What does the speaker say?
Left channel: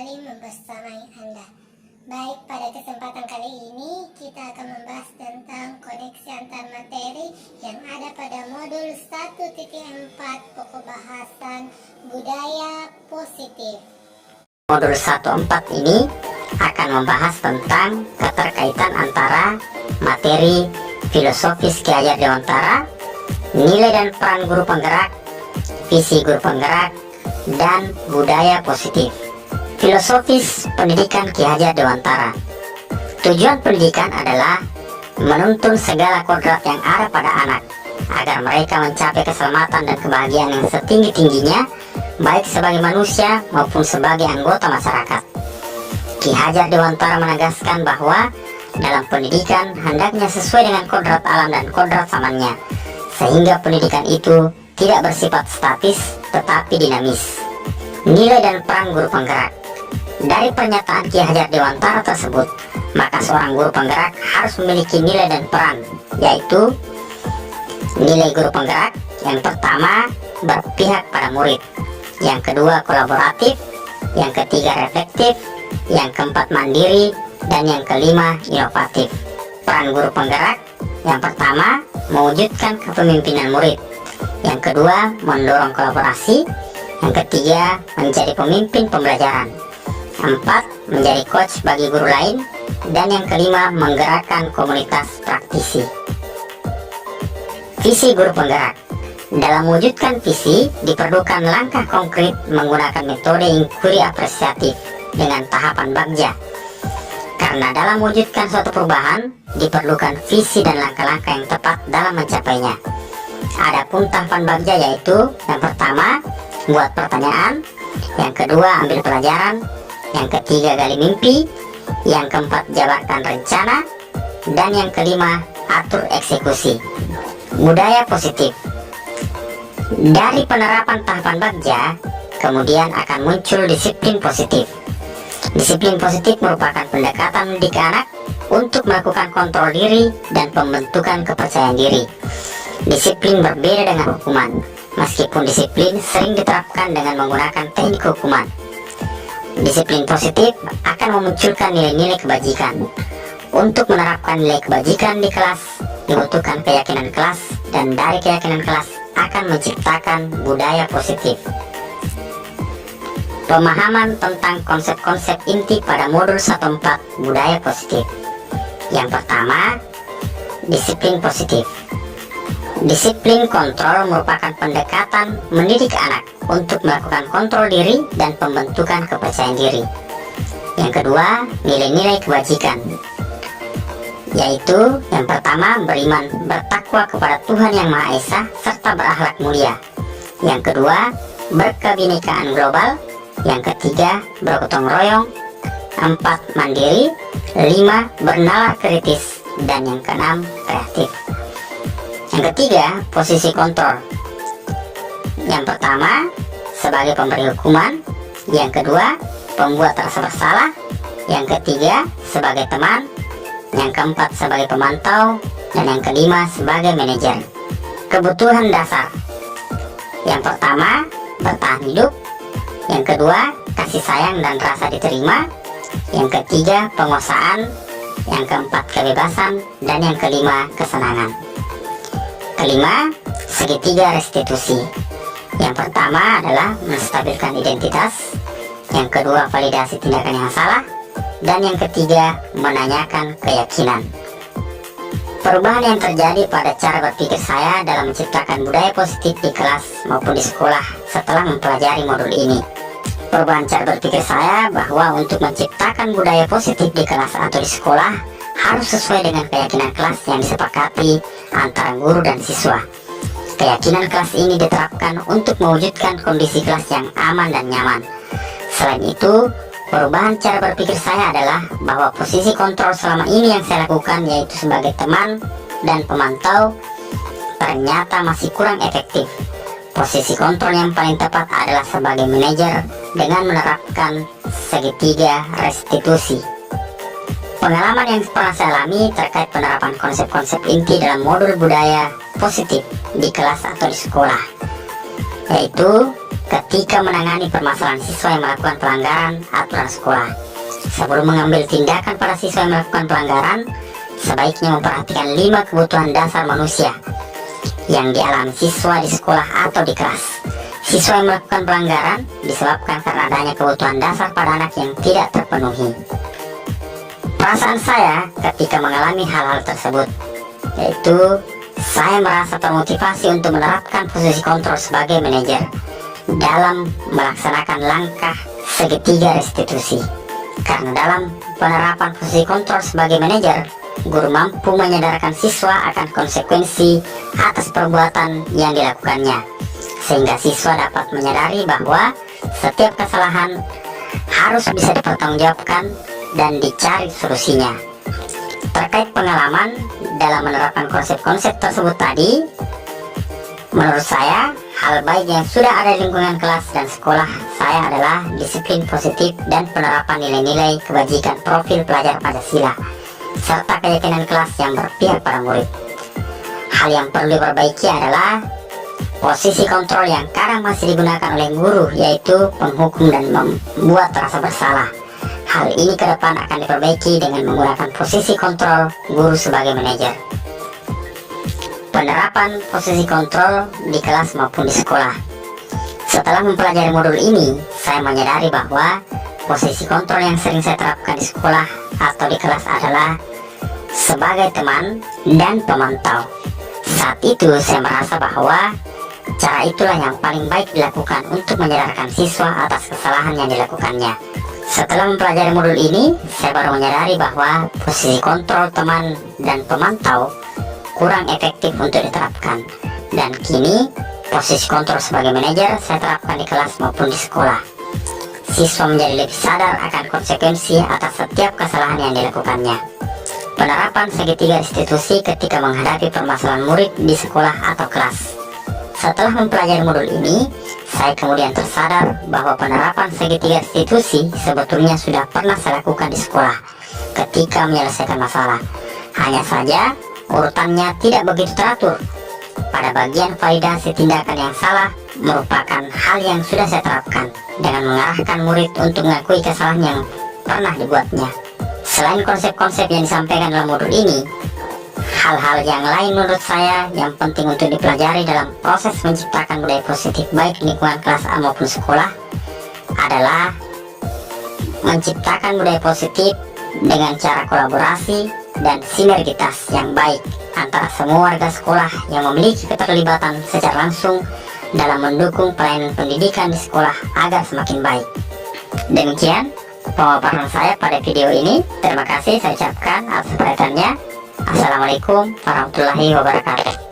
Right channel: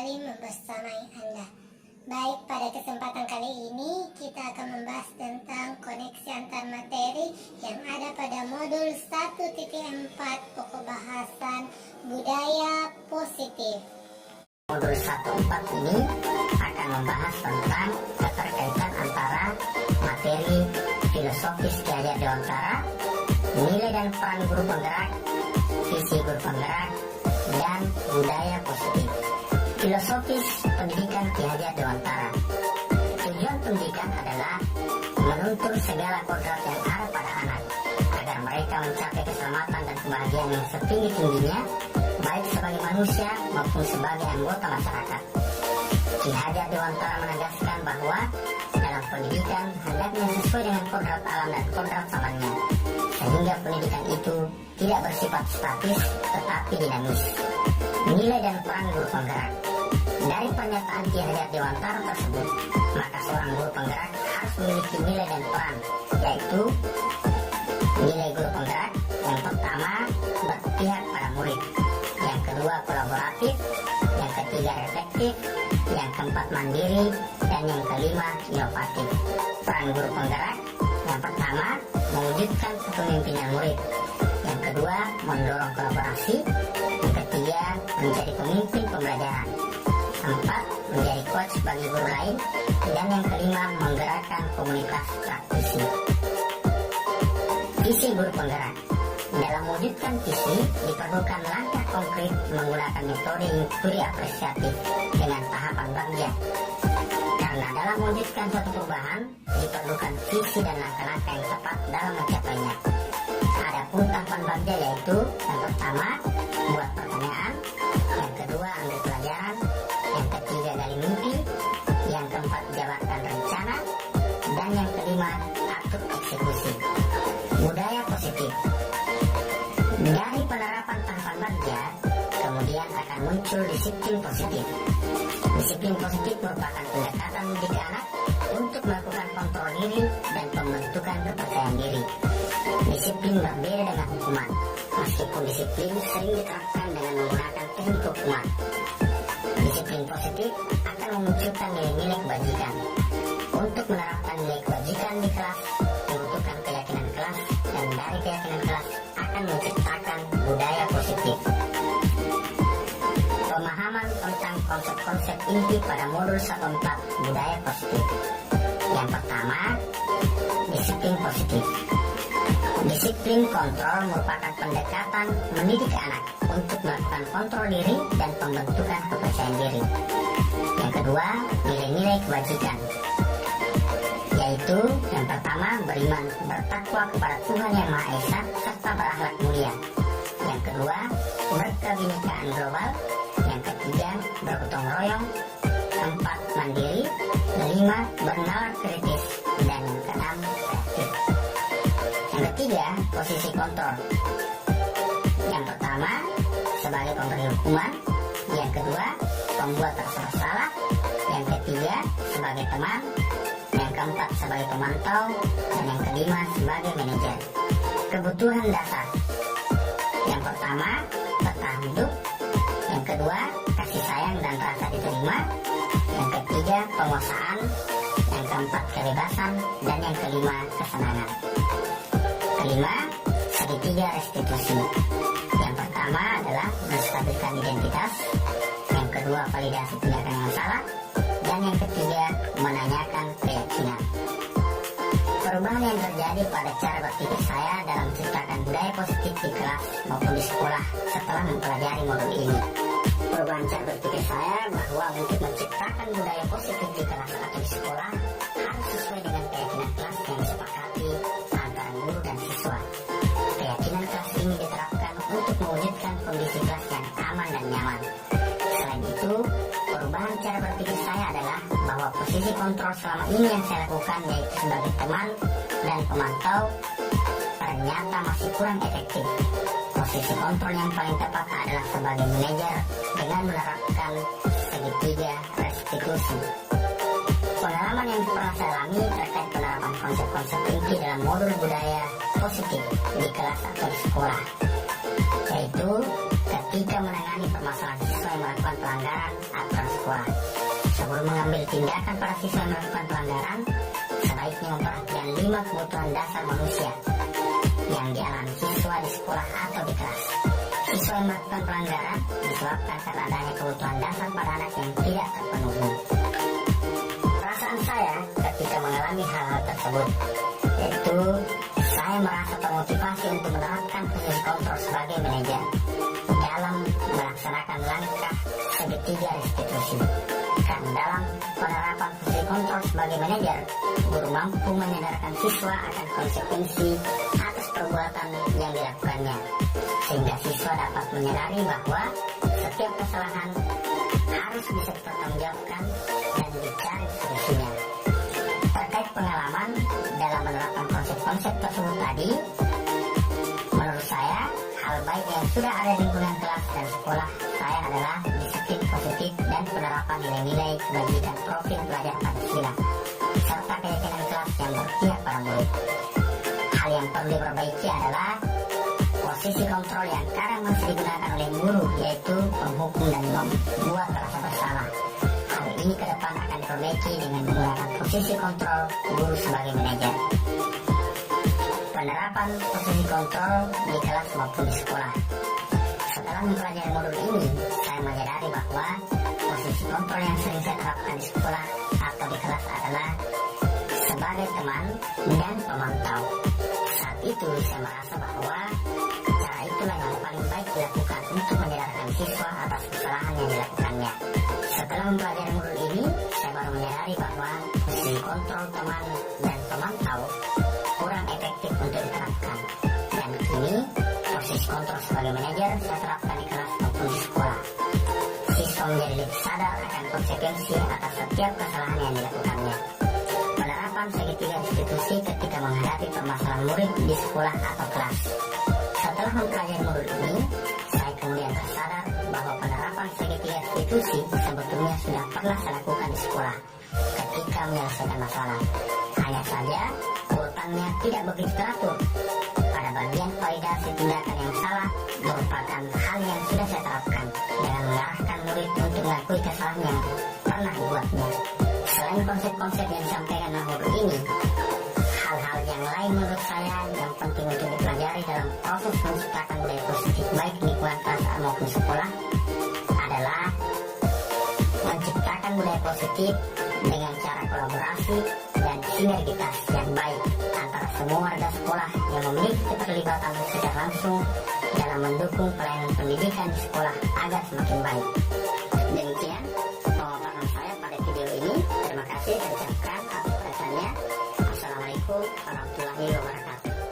kembali membersamai Anda. Baik, pada kesempatan kali ini kita akan membahas tentang koneksi antar materi yang ada pada modul 1.4 pokok bahasan budaya positif. Modul 1.4 ini akan membahas tentang keterkaitan antara materi filosofis Ki Hajar Dewantara, nilai dan peran guru penggerak, visi guru penggerak, dan budaya positif. Filosofis pendidikan Ki Hajar Dewantara. Tujuan pendidikan adalah menuntun segala kodrat yang ada pada anak agar mereka mencapai keselamatan dan kebahagiaan yang setinggi-tingginya, baik sebagai manusia maupun sebagai anggota masyarakat. Ki Hajar Dewantara menegaskan bahwa dalam pendidikan hendaknya sesuai dengan kodrat alam dan kodrat zamannya, sehingga pendidikan itu tidak bersifat statis tetapi dinamis. Nilai dan peran guru penggerak. Dari pernyataan Ki Hajar Dewantara tersebut, maka seorang guru penggerak harus memiliki nilai dan peran, yaitu nilai guru penggerak yang pertama berpihak pada murid, yang kedua kolaboratif, yang ketiga reflektif, yang keempat mandiri, dan yang kelima inovatif. Peran guru penggerak yang pertama mewujudkan kepemimpinan murid, yang kedua mendorong kolaborasi, yang ketiga menjadi pemimpin pembelajaran, empat menjadi coach bagi guru lain, dan yang kelima menggerakkan komunitas praktisi. Visi guru penggerak. Dalam mewujudkan visi diperlukan langkah konkret menggunakan metode inquiry apresiatif dengan tahapan bagja. Karena dalam mewujudkan suatu perubahan diperlukan visi dan langkah-langkah yang tepat dalam mencapainya. Adapun tahapan bagja yaitu yang pertama buat pertanyaan, yang kedua ambil pelajaran, yang ketiga gali mimpi, yang keempat jabarkan rencana, dan yang kelima atur eksekusi. Budaya positif. Dari penerapan tahapan bagja kemudian akan muncul disiplin positif. Disiplin positif merupakan pendekatan mendidik anak untuk melakukan kontrol diri dan pembentukan kepercayaan diri. Disiplin berbeda dengan hukuman, meskipun disiplin sering diterapkan dengan menggunakan teknik hukuman. Disiplin positif akan memunculkan nilai-nilai kebajikan. Untuk menerapkan nilai kebajikan di kelas dibutuhkan keyakinan kelas, dan dari keyakinan kelas akan menciptakan budaya positif. Pemahaman tentang konsep-konsep inti pada modul 1.4 budaya positif. Yang pertama, disiplin positif. Disiplin kontrol merupakan pendekatan mendidik anak untuk melakukan kontrol diri dan pembentukan kepercayaan diri. Yang kedua, nilai-nilai kebajikan, yaitu yang pertama beriman, bertakwa kepada Tuhan Yang Maha Esa serta berakhlak mulia. Yang kedua, berkebinekaan global. Yang ketiga, bergotong royong. 4, mandiri. 5, bernalar kritis. Dan yang keenam, kreatif. Yang ketiga, posisi kontrol. Yang pertama, sebagai pemberi hukuman. Yang kedua, pembuat rasa bersalah. Yang ketiga, sebagai teman. Yang keempat, sebagai pemantau. Dan yang kelima, sebagai manajer. Kebutuhan dasar. Yang pertama, bertahan hidup. Yang kedua, kasih sayang dan rasa diterima. Yang ketiga, penguasaan. Yang keempat, kebebasan. Dan yang kelima, kesenangan. Kelima, segitiga restitusi. Yang pertama adalah menstabilkan identitas. Yang kedua, validasi tindakan yang salah. Dan yang ketiga, menanyakan keyakinan. Perubahan yang terjadi pada cara berpikir saya dalam menciptakan budaya positif di kelas maupun di sekolah setelah mempelajari modul ini. Perubahan cara berpikir saya bahwa untuk menciptakan budaya positif di kelas atau di sekolah harus sesuai dengan keyakinan kelas yang disepakati antara guru dan siswa. Keyakinan kelas ini diterapkan untuk mewujudkan kondisi kelas yang aman dan nyaman. Selain itu, perubahan cara berpikir saya adalah bahwa posisi kontrol selama ini yang saya lakukan, yaitu sebagai teman dan pemantau, ternyata masih kurang efektif. Posisi kontrol yang paling tepat adalah sebagai manajer dengan menerapkan segitiga restitusi. Pengalaman yang pernah saya alami terkait penerapan konsep-konsep inti dalam modul budaya positif di kelas atau di sekolah, yaitu ketika menangani permasalahan siswa yang melakukan pelanggaran aturan sekolah. Sebelum mengambil tindakan pada siswa yang melakukan pelanggaran, sebaiknya memperhatikan 5 kebutuhan dasar manusia yang dialami siswa di sekolah atau di kelas. Siswa yang melakukan pelanggaran disebabkan karena adanya kebutuhan dasar pada anak yang tidak terpenuhi. Perasaan saya ketika mengalami hal-hal tersebut, yaitu saya merasa termotivasi untuk menerapkan posisi kontrol sebagai manajer dalam melaksanakan langkah segitiga restitusi. Karena dalam penerapan posisi kontrol sebagai manajer, guru mampu menyadarkan siswa akan konsekuensi atas perbuatan yang dilakukannya, sehingga siswa dapat menyadari bahwa setiap kesalahan harus bisa dipertanggungjawabkan dan dicari solusinya. Terkait pengalaman dalam menerapkan konsep-konsep tersebut tadi, menurut saya hal baik yang sudah ada di lingkungan kelas dan sekolah saya adalah disiplin positif dan penerapan nilai-nilai kebajikan profil pelajar Pancasila, serta keyakinan kelas yang berpihak pada murid. Hal yang perlu diperbaiki adalah posisi kontrol yang kadang masih digunakan oleh guru, yaitu penghukum dan membuat rasa bersalah. Hal ini ke depan akan diperbaiki dengan menggunakan posisi kontrol guru sebagai manajer. Penerapan posisi kontrol di kelas maupun di sekolah. Setelah mempelajari modul ini, saya menyadari bahwa posisi kontrol yang sering saya terapkan di sekolah atau di kelas adalah sebagai teman dan pemantau. Saat itu saya merasa bahwa cara itulah yang paling baik dilakukan untuk menyadarkan siswa atas kesalahan yang dilakukannya. Setelah mempelajari modul ini, saya baru menyadari bahwa posisi kontrol teman dan pemantau kurang efektif untuk diterapkan. Dan kini, posisi kontrol sebagai manajer saya terapkan di kelas maupun di sekolah. Siswa menjadi lebih sadar akan konsekuensi atas setiap kesalahan yang dilakukannya. Penerapan segitiga restitusi ketika menghadapi permasalahan murid di sekolah atau kelas. Setelah mempelajari modul ini, saya kemudian tersadar bahwa penerapan segitiga restitusi sebetulnya sudah pernah saya lakukan di sekolah ketika menyelesaikan masalah. Hanya saja, urutannya tidak begitu teratur. Pada bagian validasi tindakan yang salah merupakan hal yang sudah saya terapkan dengan mengarahkan murid untuk mengakui kesalahan yang pernah dibuatnya. Selain konsep-konsep yang disampaikan dalam modul ini, hal-hal yang lain menurut saya yang penting untuk dipelajari dalam proses menciptakan budaya positif baik di lingkungan kelas maupun sekolah adalah menciptakan budaya positif dengan cara kolaborasi dan sinergitas yang baik antara semua warga sekolah yang memiliki keterlibatan secara langsung dalam mendukung pelayanan pendidikan di sekolah agar semakin baik. Demikian pemaparan saya pada video ini. Terima kasih saya ucapkan atas perhatiannya. Assalamualaikum warahmatullahi wabarakatuh.